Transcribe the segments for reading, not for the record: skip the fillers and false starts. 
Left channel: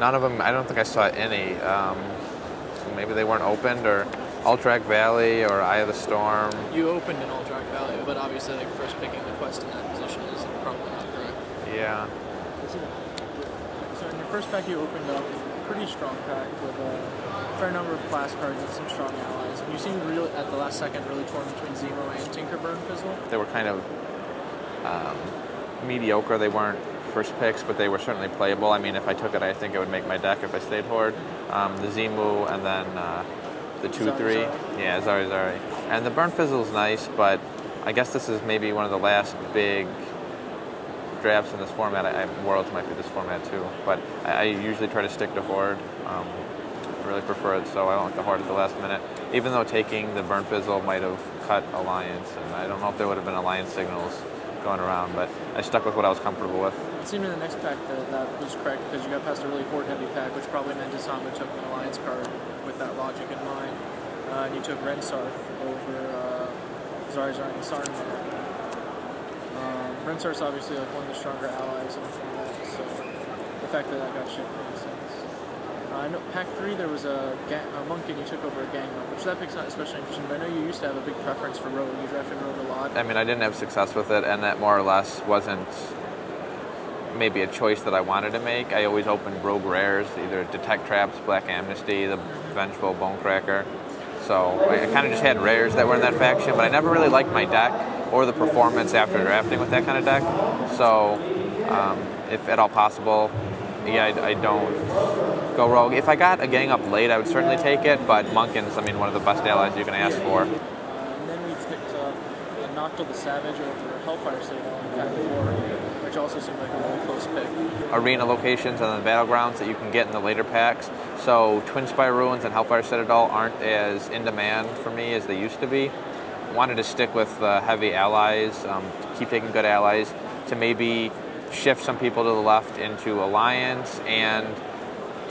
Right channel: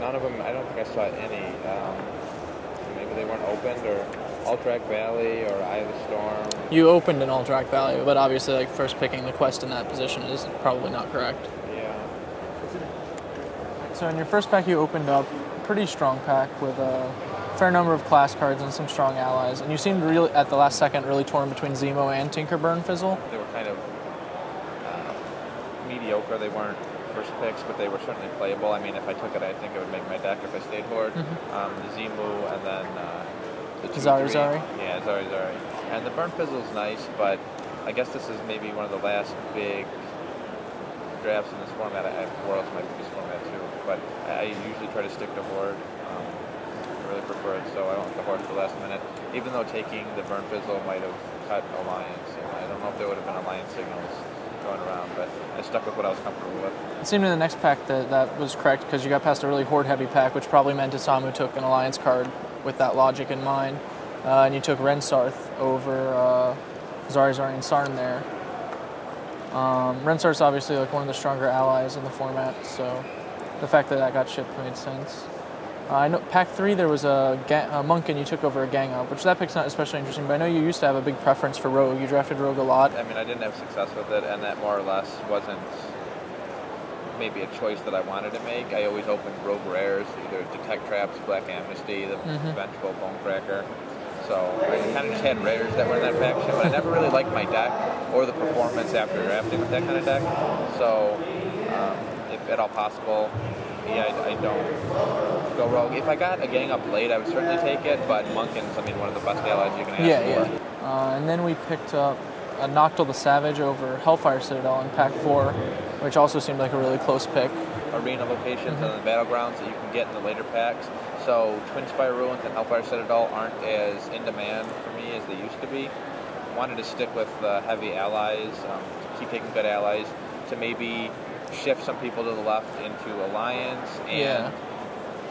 None of them, I don't think I saw any. Maybe they weren't opened, or Alterac Valley or Eye of the Storm. You opened in Alterac Valley, but obviously like first picking the quest in that position is probably not correct. Yeah. So in your first pack you opened up a pretty strong pack with a fair number of class cards and some strong allies, and you seemed really, at the last second, really torn between Zemo and Tinkerburn Fizzle. They were kind of mediocre. They weren't first picks, but they were certainly playable. I mean, if I took it, I think it would make my deck if I stayed Horde. The Zemu and then the 2/3. Yeah, Zari. And the Burn Fizzle's nice, but I guess this is maybe one of the last big drafts in this format. Worlds might be this format too, but I usually try to stick to Horde. I really prefer it, so I went with the Horde at the last minute, even though taking the Burn Fizzle might have cut Alliance, and I don't know if there would have been Alliance signals going around, but I stuck with what I was comfortable with. It seemed in the next pack that was correct, because you got past a really Horde-heavy pack, which probably meant Isamu took an Alliance card with that logic in mind, and you took Rensarth over Zarizari and Sarn there. Rensarth's obviously like one of the stronger allies in the format, so the fact that got shipped made sense. I know pack 3 there was a monk and you took over a gang up, which that pick's not especially interesting, but I know you used to have a big preference for Rogue. You drafted Rogue a lot. I mean, I didn't have success with it, and that more or less wasn't maybe a choice that I wanted to make. I always opened Rogue rares, either Detect Traps, Black Amnesty, the Vengeful Bonecracker. So I kind of just had rares that were in that faction, but I never really liked my deck or the performance after drafting with that kind of deck. So if at all possible, yeah, I don't go Rogue. If I got a gang up late, I would certainly take it, but Munkin's, I mean, one of the best allies you can ask for. Yeah. And then we picked up Noctil the Savage over Hellfire Citadel in pack 4, which also seemed like a really close pick. Arena locations and the battlegrounds that you can get in the later packs. So Twinspire Ruins and Hellfire Citadel aren't as in demand for me as they used to be. I wanted to stick with heavy allies, keep taking good allies, to maybe shift some people to the left into Alliance, and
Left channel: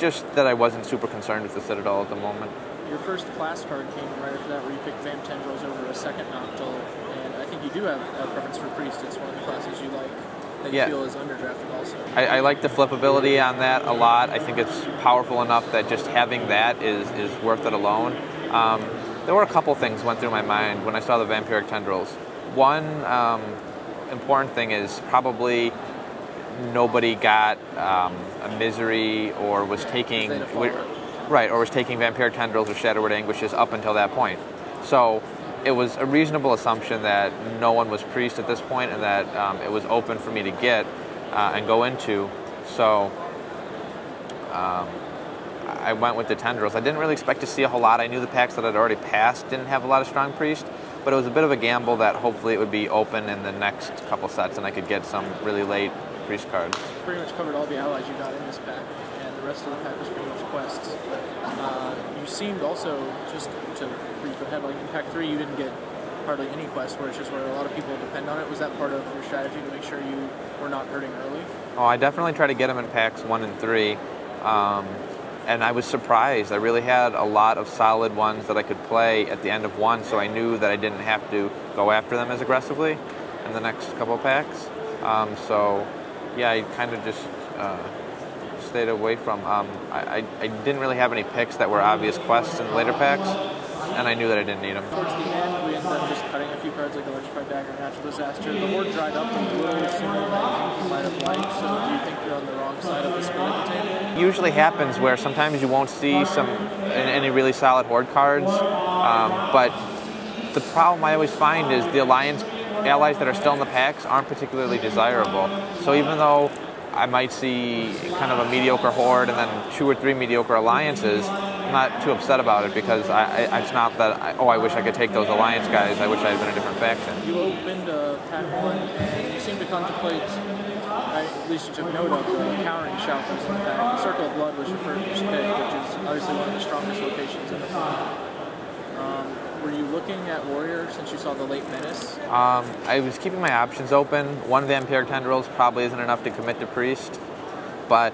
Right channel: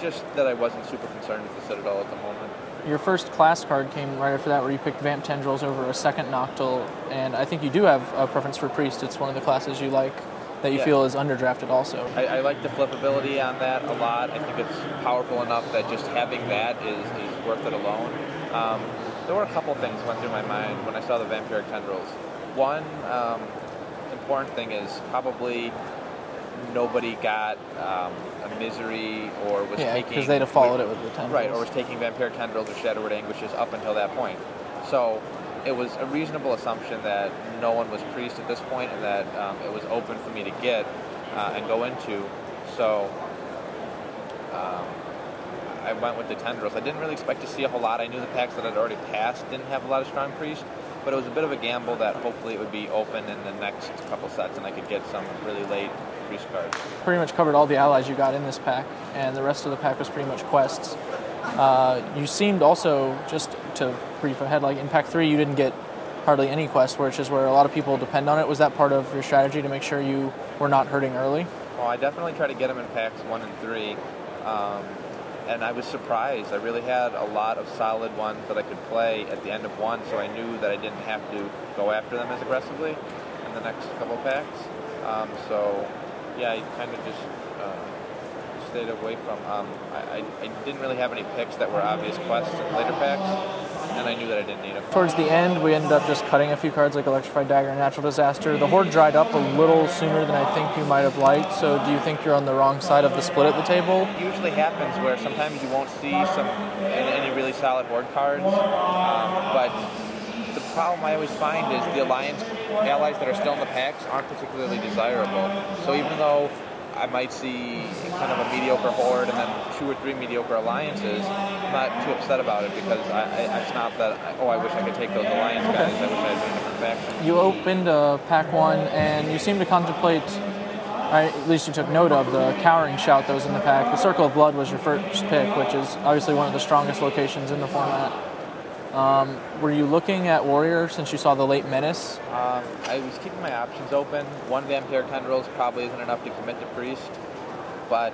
just that I wasn't super concerned with the Citadel at the moment. Your first class card came right after that, where you picked Vamp Tendrils over a second Noctil, and I think you do have a preference for Priest. It's one of the classes you like that you feel is underdrafted also. I like the flippability on that a lot. I think it's powerful enough that just having that is worth it alone. There were a couple things went through my mind when I saw the Vampiric Tendrils. One important thing is probably nobody got a Misery or was taking... they'd have followed it with the Tendrils. Right, or was taking Vampiric Tendrils or Shadowword Anguishes up until that point. So it was a reasonable assumption that no one was Priest at this point, and that it was open for me to get and go into. So I went with the Tendrils. I didn't really expect to see a whole lot. I knew the packs that I'd already passed didn't have a lot of strong Priest, but it was a bit of a gamble that hopefully it would be open in the next couple sets and I could get some really late Priest cards. Pretty much covered all the allies you got in this pack, and the rest of the pack was pretty much quests. You seemed also, just to brief ahead, like in pack 3 you didn't get hardly any quests, which is where a lot of people depend on it. Was that part of your strategy to make sure you were not hurting early? Oh, I definitely try to get them in packs 1 and 3. And I was surprised. I really had a lot of solid ones that I could play at the end of 1, so I knew that I didn't have to go after them as aggressively in the next couple of packs. So yeah, I kind of just stayed away from. I didn't really have any picks that were obvious quests in the later packs, and I knew that I didn't need them. Towards the end, we ended up just cutting a few cards like Electrified Dagger and Natural Disaster. The Horde dried up a little sooner than I think you might have liked, so do you think you're on the wrong side of the split at the table? It usually happens where sometimes you won't see any really solid Horde cards, but the problem I always find is the Alliance allies that are still in the packs aren't particularly desirable. So even though I might see kind of a mediocre Horde and then 2 or 3 mediocre Alliances, I'm not too upset about it, because it's not that, I wish I could take those Alliance guys, I wish I was in a different faction. You opened pack 1 and you seemed to contemplate, at least you took note of, the Cowering Shout that was in the pack. The Circle of Blood was your first pick, which is obviously one of the strongest locations in the format. Were you looking at Warrior since you saw the late Menace? I was keeping my options open. 1 Vampiric Tendrils probably isn't enough to commit to Priest, but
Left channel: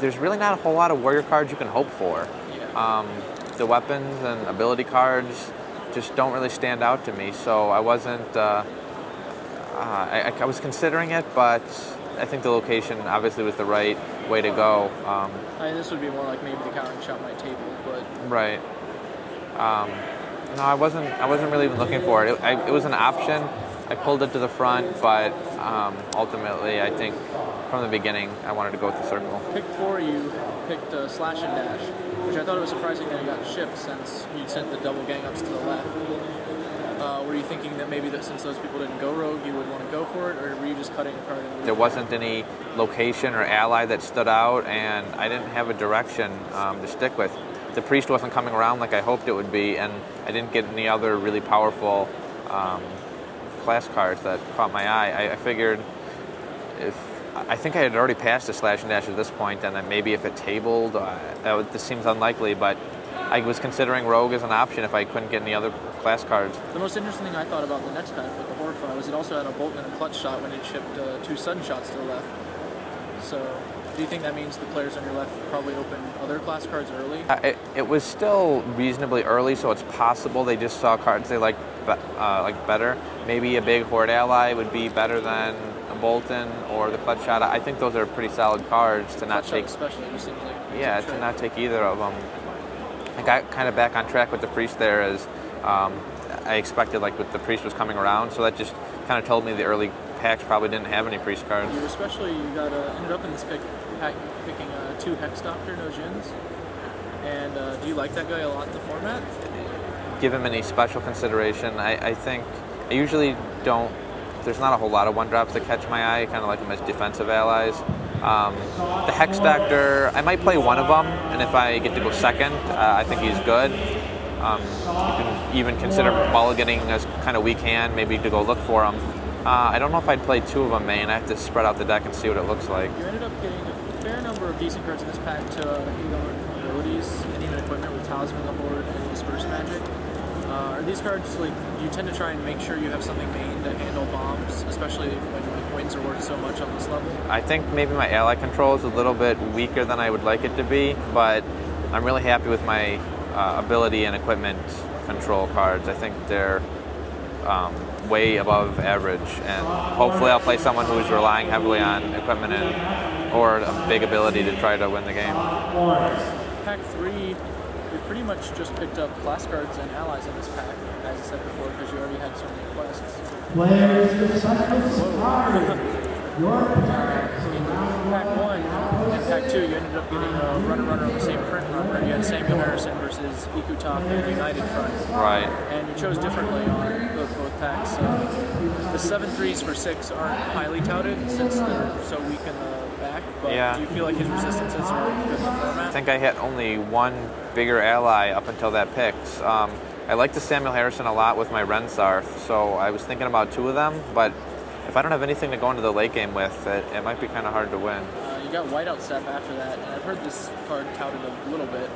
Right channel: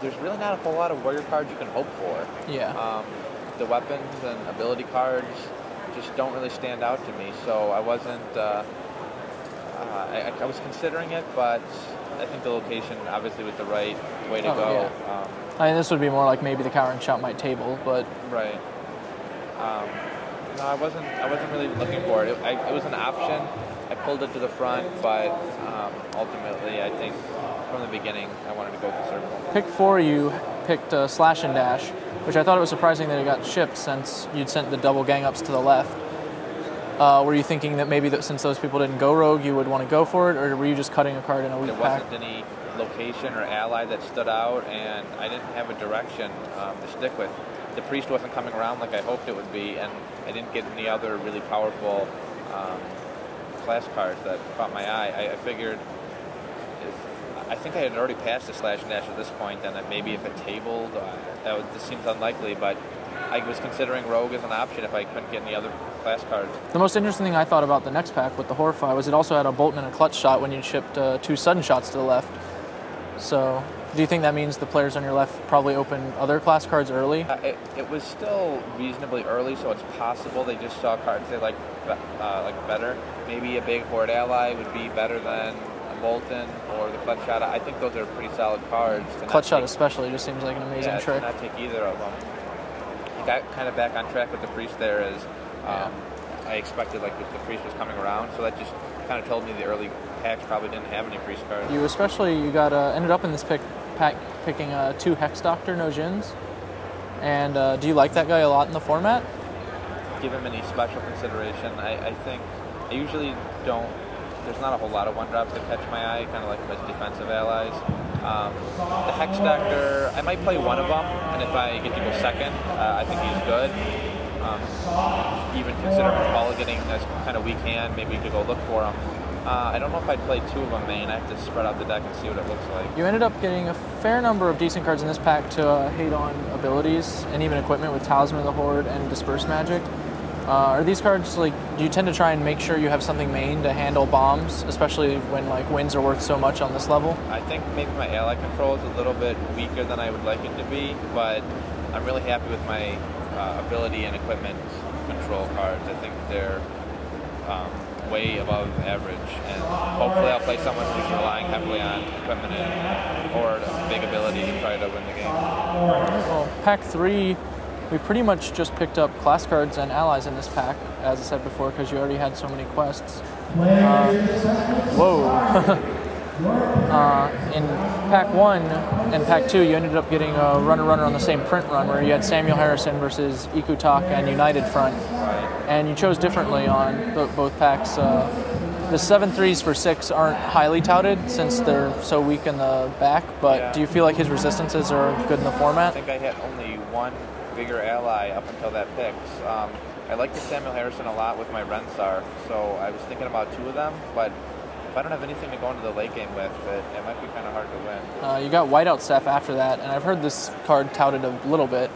there's really not a whole lot of Warrior cards you can hope for. Yeah. The weapons and ability cards just don't really stand out to me, so I wasn't I was considering it, but I think the location obviously was the right way to go. Yeah. I mean, this would be more like maybe the cowering shout might table, but right. No, I wasn't really looking for it. It was an option. I pulled it to the front, but ultimately, I think from the beginning, I wanted to go with the circle. Pick 4, you picked Slash and Dash, which I thought it was surprising that it got shipped since you'd sent the double gang ups to the left. Were you thinking that maybe since those people didn't go rogue, you would want to go for it, or were you just cutting a card in a weak There wasn't any location or ally that stood out, and I didn't have a direction to stick with. The priest wasn't coming around like I hoped it would be, and I didn't get any other really powerful class cards that caught my eye. I figured I think I had already passed the Slash and Dash at this point, and then maybe if it tabled, this seems unlikely, but I was considering Rogue as an option if I couldn't get any other class cards. The most interesting thing I thought about the next pack with the Horrify was it also had a Bolton and a Clutch Shot when you shipped 2 sudden shots to the left. So, do you think that means the players on your left probably open other class cards early? It was still reasonably early, so it's possible they just saw cards they liked better. Maybe a big Horde ally would be better than a Bolton or the Clutch Shot. I think those are pretty solid cards to not Clutch take. Shot especially just seems like an amazing trick. To not take either of them. I got kind of back on track with the Priest there as I expected, like with the Priest was coming around, so that just kind of told me the early packs probably didn't have any Priest cards. You got ended up in this pack picking 2 Hex Doctor No Jins, and do you like that guy a lot in the format? Give him any special consideration. I think I usually don't. There's not a whole lot of 1-drops that catch my eye. I kind of like them as defensive allies. The Hex Doctor, I might play one of them, and if I get to go second, I think he's good. You can even consider mulliganing as kind of weak hand, maybe to go look for him. I don't know if I'd play 2 of them main. I have to spread out the deck and see what it looks like. You ended up getting a fair number of decent cards in this pack to hate on abilities and even equipment with Talisman of the Horde and Disperse Magic. Are these cards, like, do you tend to try and make sure you have something main to handle bombs, especially when, like, wins are worth so much on this level? I think maybe my ally control is a little bit weaker than I would like it to be, but I'm really happy with my ability and equipment control cards. I think they're way above average, and hopefully I'll play someone who's relying heavily on equipment or a big ability to try to win the game. Well, pack 3, we pretty much just picked up class cards and allies in this pack, as I said before, because you already had so many quests. Whoa. In pack 1 and pack 2, you ended up getting a runner on the same print run where you had Samuel Harrison versus Ikutak and United Front. Right. And you chose differently on both packs. The 7-3s for 6 aren't highly touted since they're so weak in the back, but do you feel like his resistances are good in the format? I think I had only one bigger ally up until that pick. I like the Samuel Harrison a lot with my Rensarth, so I was thinking about 2 of them, but if I don't have anything to go into the late game with, it might be kind of hard to win. You got Whiteout Staff after that, and I've heard this card touted a little bit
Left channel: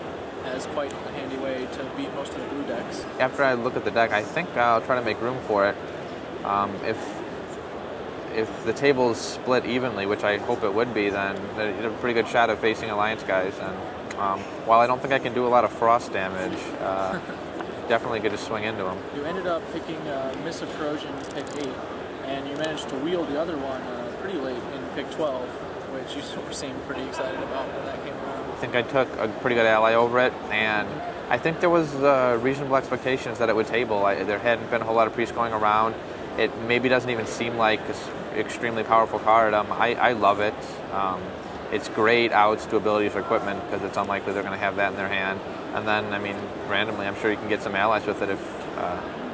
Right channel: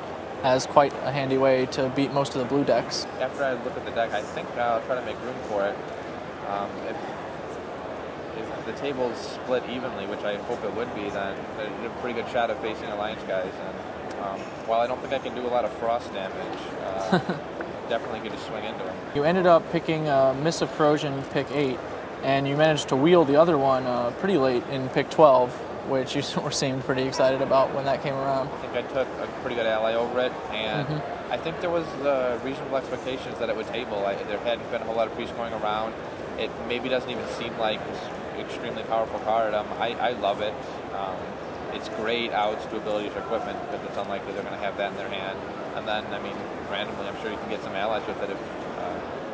as quite a handy way to beat most of the blue decks. After I look at the deck, I think I'll try to make room for it. If the tables split evenly, which I hope it would be, then you have a pretty good shot of facing Alliance guys. And while I don't think I can do a lot of frost damage, definitely good to swing into them. You ended up picking Missive Corrosion pick 8, and you managed to wheel the other one pretty late in pick 12, which you seemed pretty excited about when that came around. I think I took a pretty good ally over it, and I think there was reasonable expectations that it would table. There hadn't been a whole lot of priests going around. It maybe doesn't even seem like this extremely powerful card. I love it. It's great outs to abilities or equipment because it's unlikely they're going to have that in their hand. And then, I mean, randomly, I'm sure you can get some allies with it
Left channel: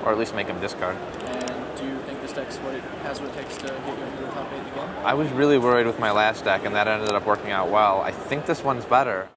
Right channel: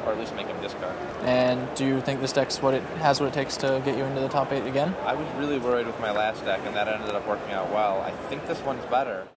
or at least make them discard. And do you think this deck's what it takes to get you into the top 8 again? I was really worried with my last deck, and that ended up working out well. I think this one's better.